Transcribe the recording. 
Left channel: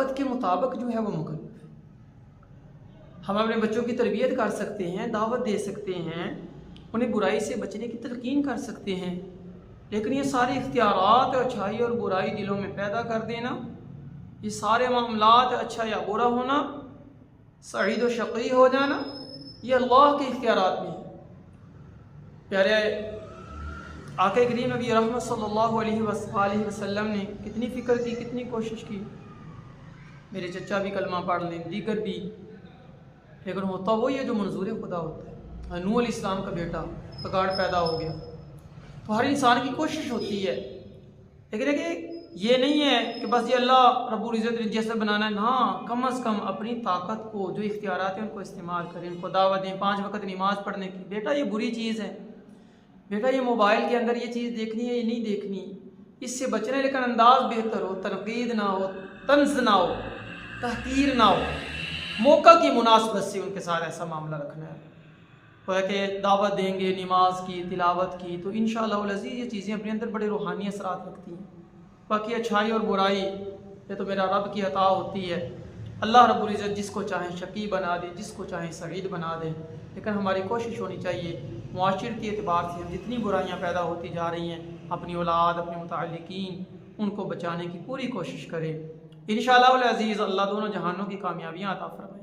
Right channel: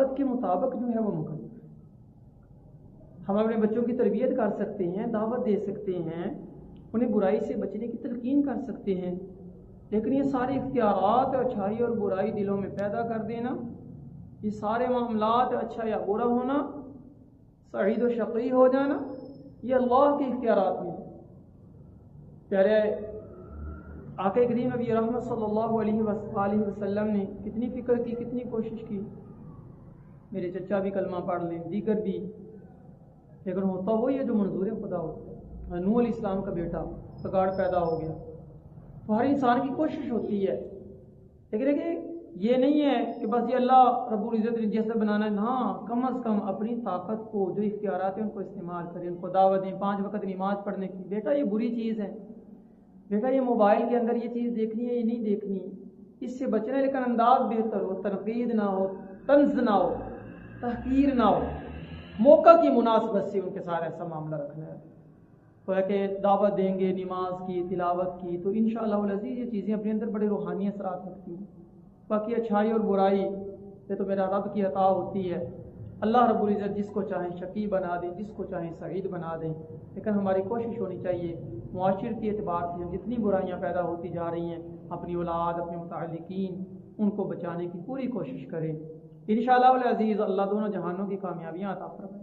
ताकत के मुताबिक जो है वो मुकल्लफ। हम अपने बच्चों की तरबियत कर सकते हैं, दावत दे सकते हैं, उन्हें बुराई से बचने की तलकीन कर सकते हैं, लेकिन ये सारे इख्तियारात अच्छाई और बुराई दिलों में पैदा कर देना, ये सारे मामलात अच्छा या बुरा होना, सईद व शक़ी हो जाना, ये अल्लाह के इख्तियारात में है। प्यारे आक़ा करीम नबी रहमत सल्लल्लाहु अलैहि वसल्लम ने कितनी फ़िक्र की, कितनी कोशिश की, मेरे चचा भी कलमा पढ़ लें, दीगर भी, लेकिन होता वो ये जो मंजूर खुदा होता है। नूह अलैहिस्सलाम का बेटा बगाड़ पैदा हो गया, तो हर इंसान की कोशिश होती है, लेकिन देखिए ये नहीं है कि बस ये अल्लाह रब्बुल इज़्ज़त ने जैसे बनाना है ना, कम अज़ कम अपनी ताकत को, जो इख्तियारात हैं उनको इस्तेमाल करें, उनको दावत दें 5 वक्त नमाज़ पढ़ने की। बेटा ये बुरी चीज़ है, बेटा ये मोबाइल के अंदर ये चीज़ देखनी है, ये नहीं देखनी, इससे बचना है, लेकिन अंदाज बेहतर हो, तनकीद ना हो, तंज ना हो, तहकीर ना हो, मौका की मुनासबत से उनके साथ ऐसा मामला रखना है। तो कि दावत देंगे नमाज की, तिलावत की, तो इंशाअल्लाह अज़ीज़ ये चीज़ें अपने अंदर बड़े रूहानी असरात रखती हैं। बाकी अच्छाई और बुराई ये तो मेरा रब की अता होती है। अल्लाह रब्बुल इज़्ज़त जिसको चाहे शकी बना दे, जिसको चाहे सईद बना दे, लेकिन हमारी कोशिश होनी चाहिए मुआशरती एतबार से हम जितनी बुराइयाँ पैदा होती जा रही हैं, अपनी औलाद, अपने मुताल्लिकीन, उनको बचाने की पूरी कोशिश करें। इंशाअल्लाह अज़ीज़ अल्लाह दोनों जहानों की कामयाबियाँ अता फरमाए।